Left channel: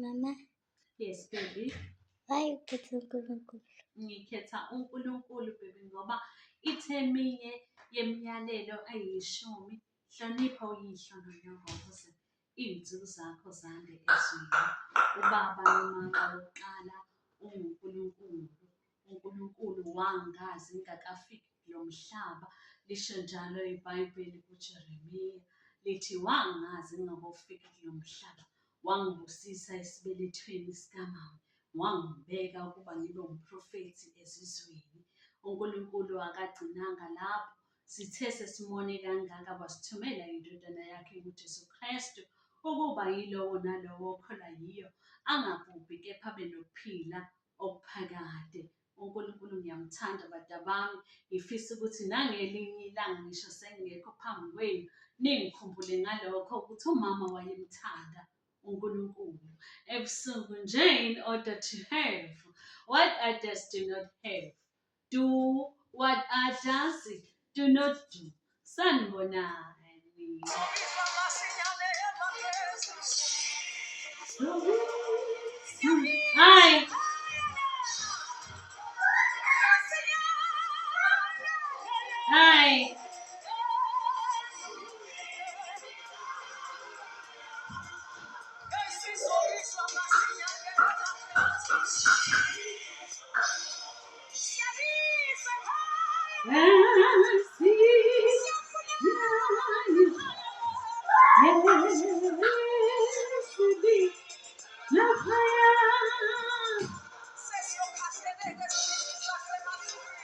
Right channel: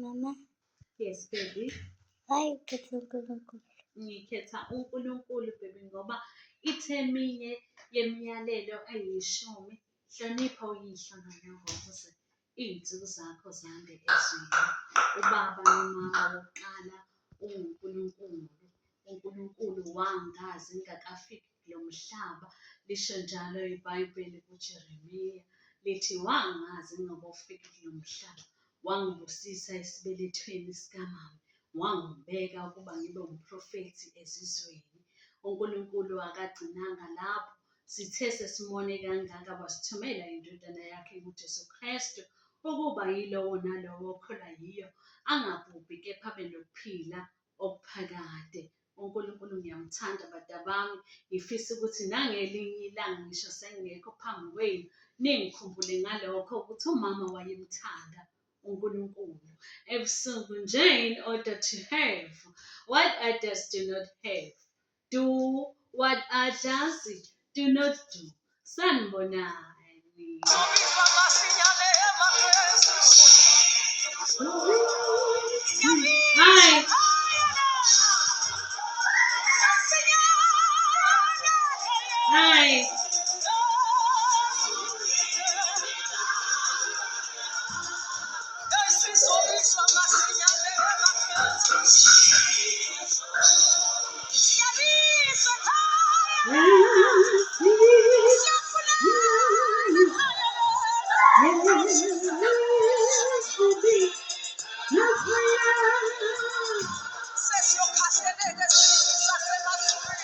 Mama, Yes, baby. why ukhetha uNkulunkulu? Ngikhetha uNkulunkulu baby ngoba itheminye yemiyalelo ayishumi hlonipha uyihlo nonyoko ukuze iy'nsuku zakho zande ezweni. Ubaba nomama wokuqala unguNkulunkulu. uNkulunkulu wangazi ngingakafiki kulo mhlaba. Lisho njalo iBhayibheli kuJeremiya lithi wangazi ngingakafiki kulo mhlaba. Wangibusisa esibelethweni sikamama. Wangibeka ukuba ngibe umprofethi ezizweni. uNkulunkulu akagcinanga lapho. Sithe sesimone kangaka wasithumela indodana yakhe uJesu Kristu ukuba yilowo nalowo okholwa yiyo angabhubhi kepha abe nokuphila okuphakade. uNkulunkulu ngiyamthanda badabami. Ngifisa ukuthi nangelinye ilanga ngisho sengekho phambi kwenu ningikhumbule ngalokho ukuthi umama wayemthanda uNkulunkulu ebusuku nje in order to have what others do not have. Do what others do not do. Sanibonani.